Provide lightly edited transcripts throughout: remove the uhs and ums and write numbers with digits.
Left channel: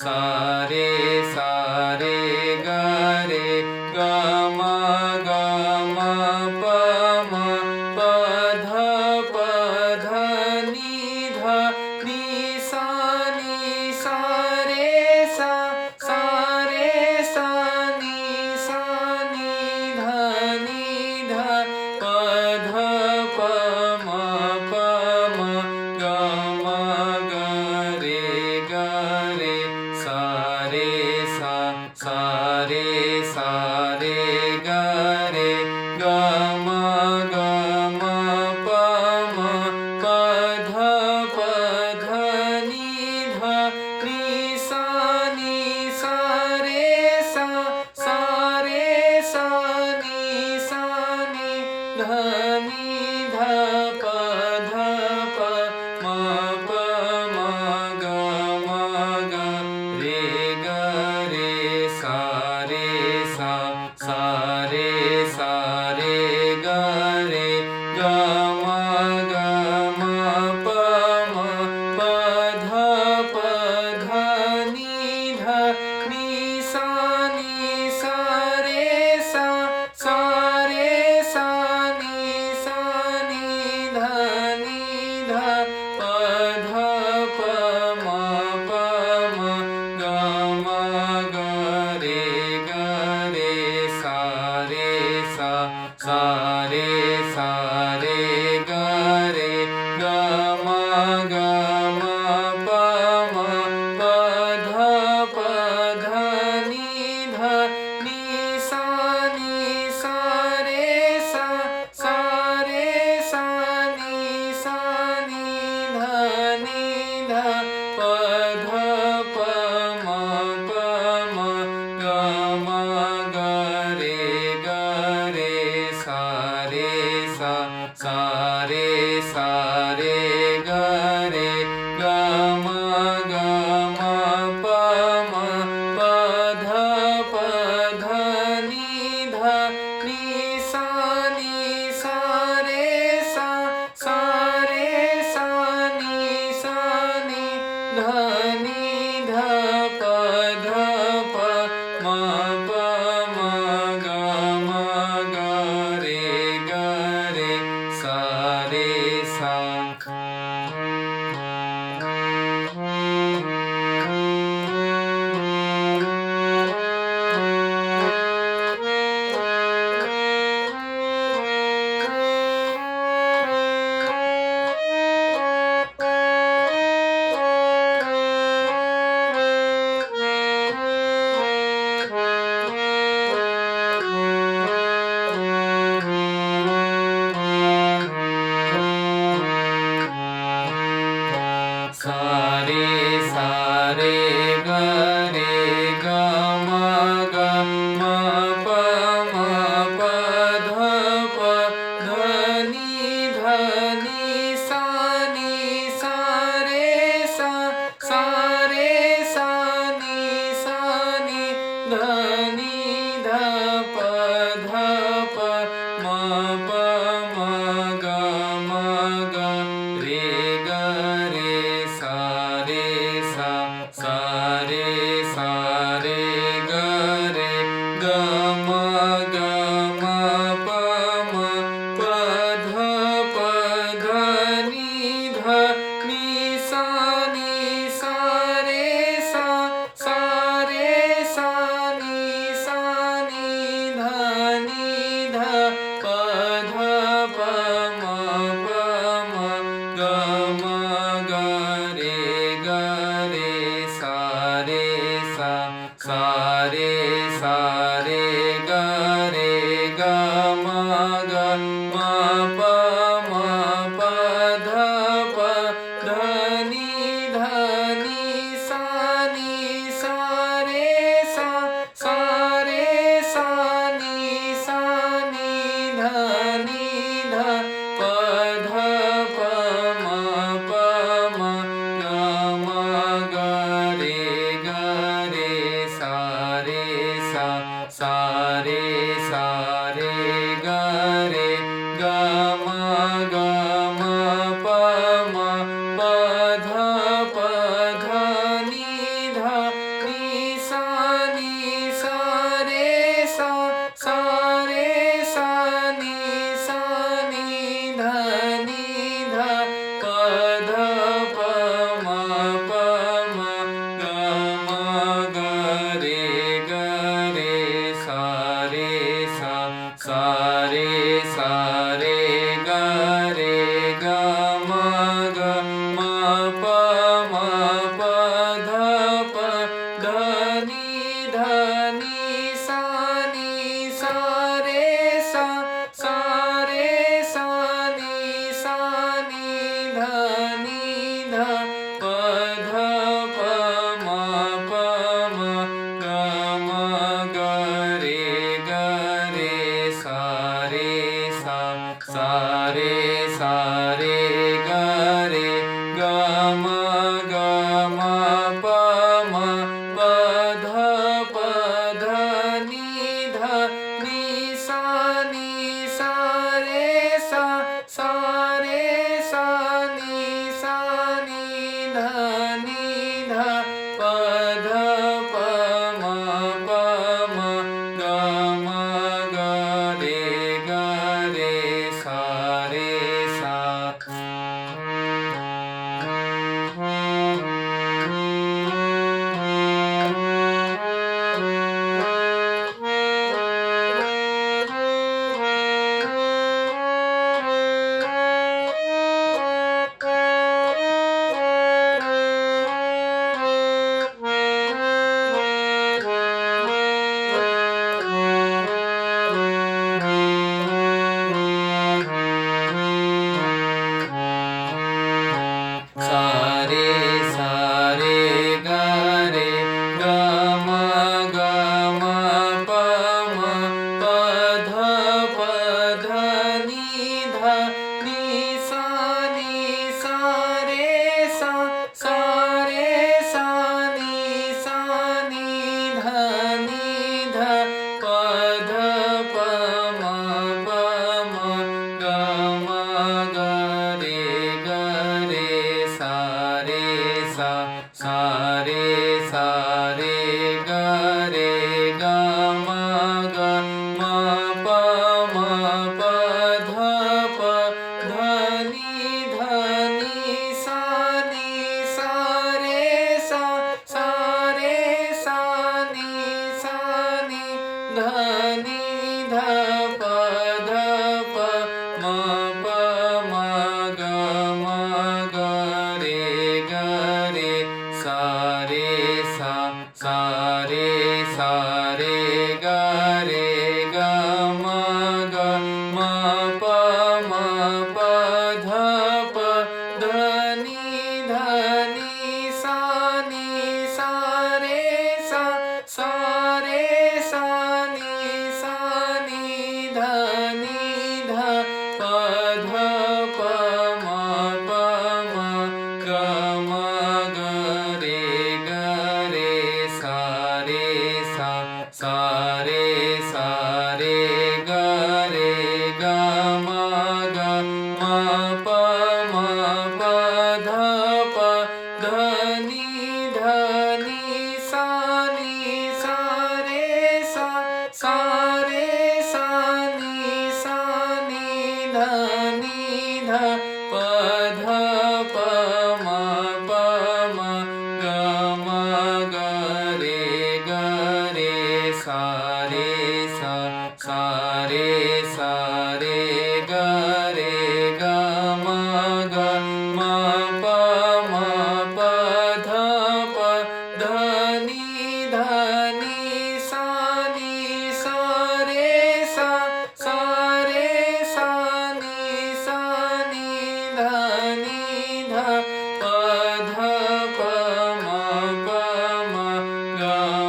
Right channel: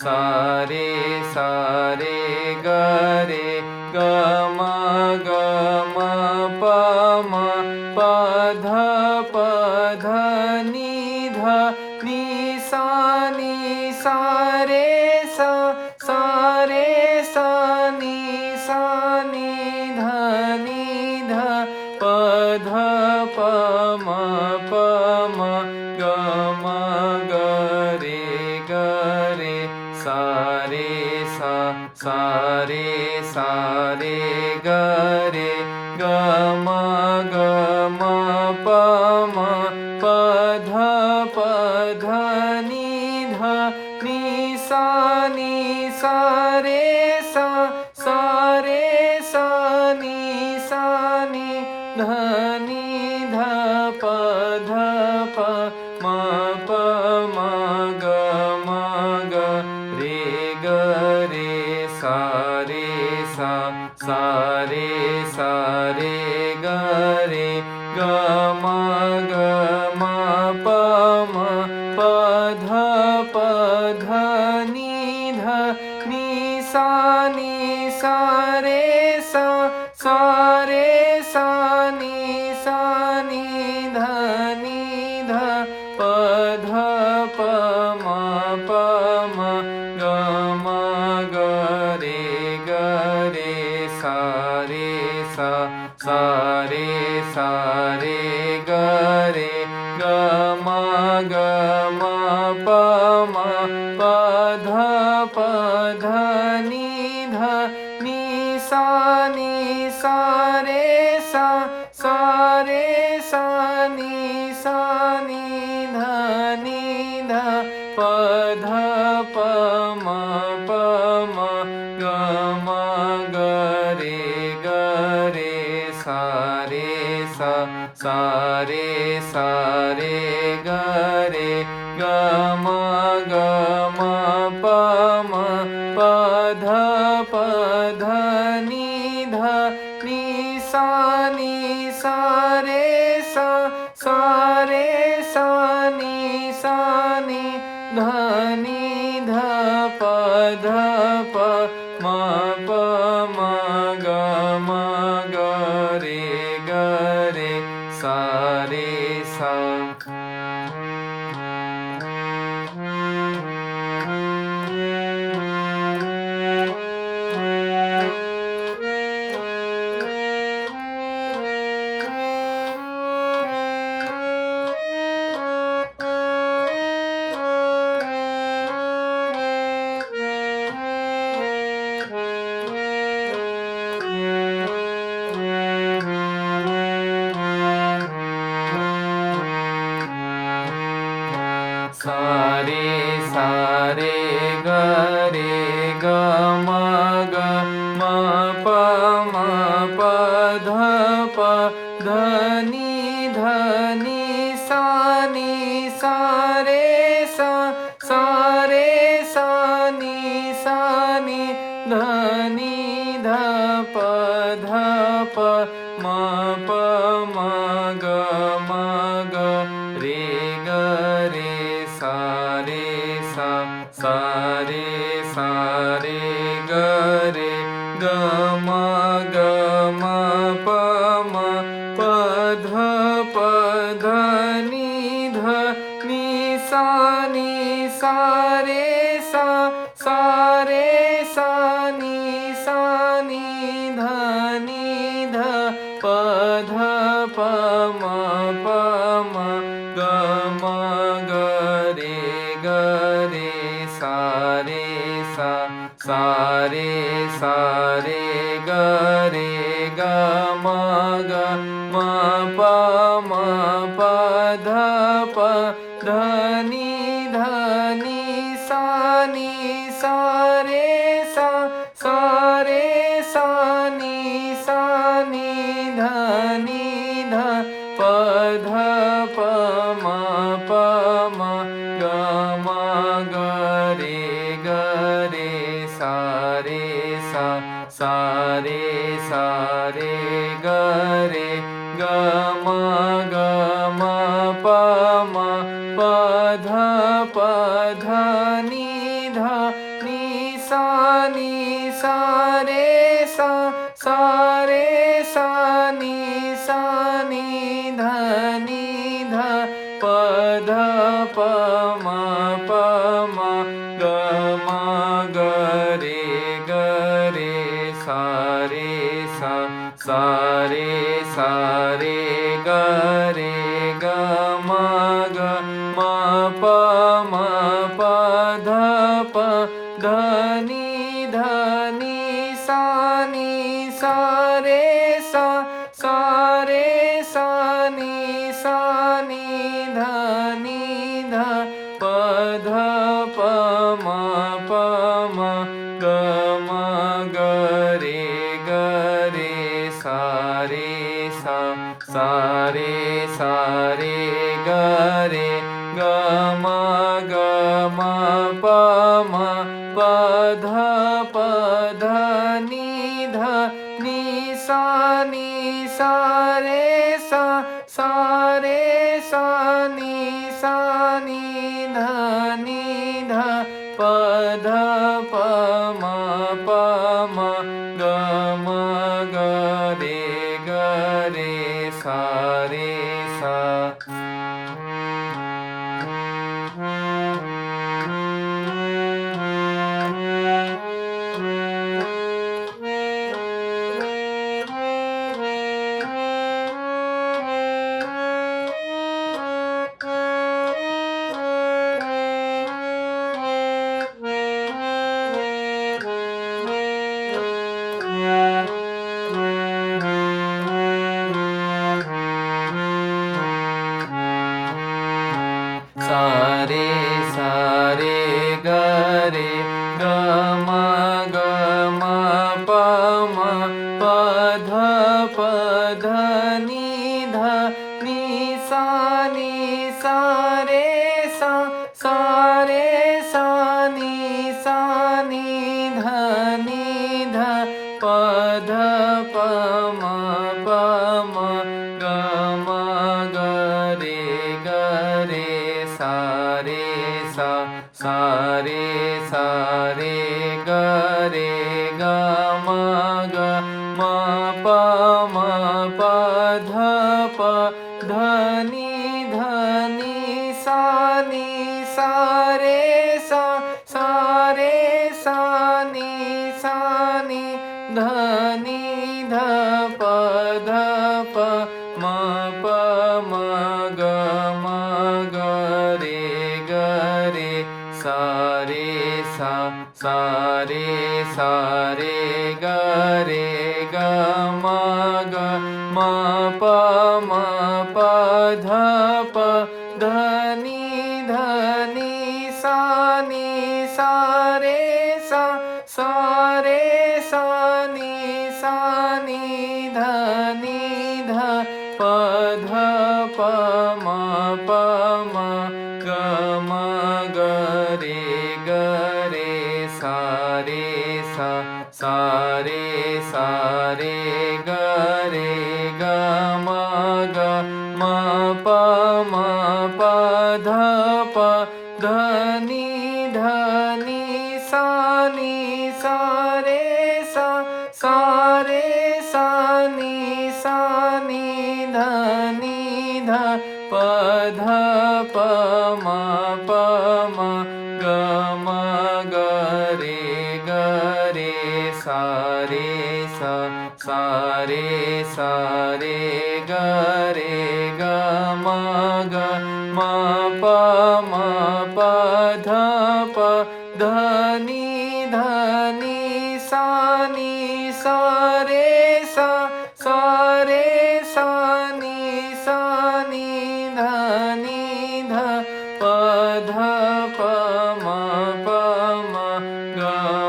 सा नी ध प ध प म प म ग रे सा रे सा सा सा रे ग रे ग म ग म प ध प ध नि सा रे सा रे सा नि ध नि ध प म प ग रे सा रे सा रे ग रे ग म प ध प ध नि सा रे सा रे सा नि ध नि ध प ध प म ग ग रे सा रे ग रे ग म प ध प ध नि सा रे सा रे सा नि ध नि ध प ध प म ग रे सा रे ग रे ग म प ध प ध नि सा रे सा रे सा नि ध नि ध प ध प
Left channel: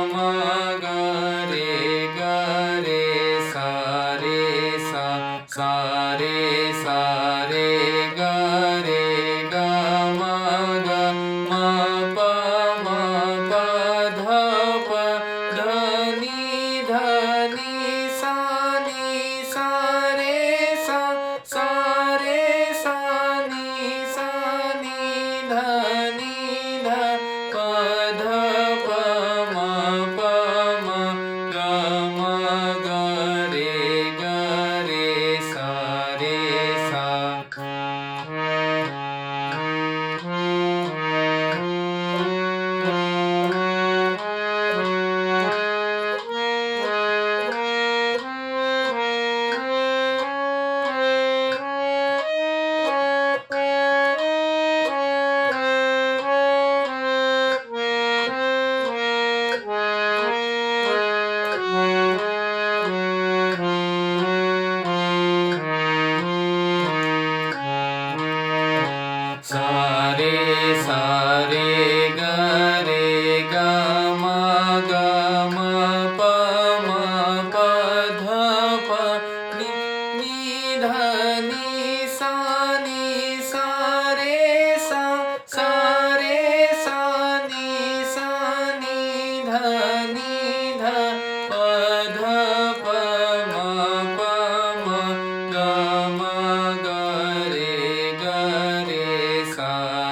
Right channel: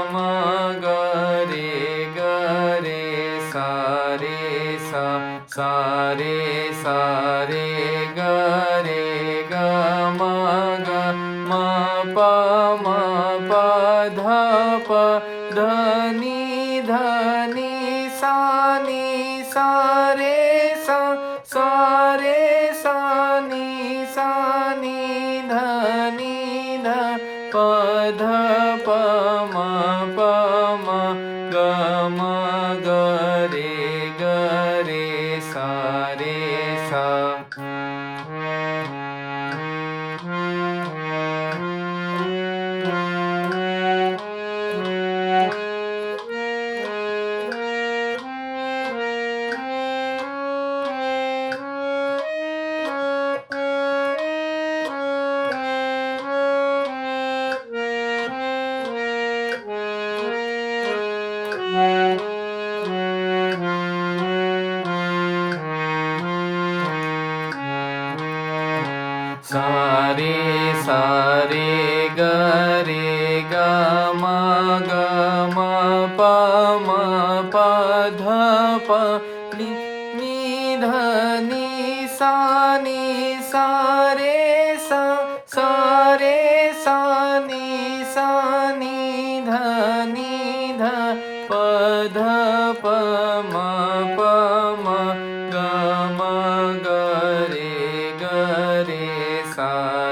म ग रे सा रे ग रे ग म प ध प ध नि सा रे सा रे सा नि ध नि ध प ध प म ग रे सा रे सा सा रे ग रे ग म प ध प नि ध नि सा रे सा रे सा नि ध नि ध प ध प म ग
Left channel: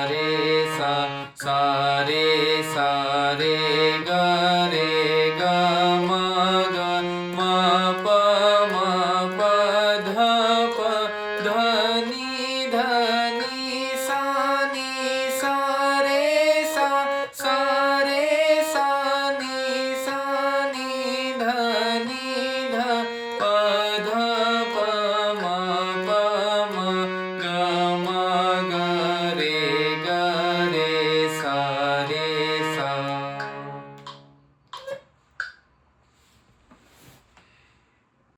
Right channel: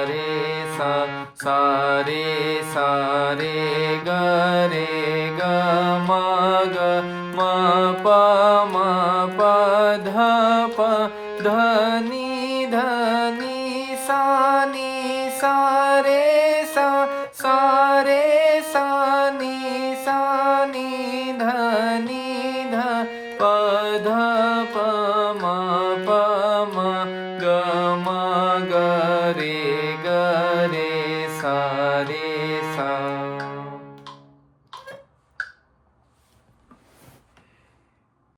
रे सा रे सा रे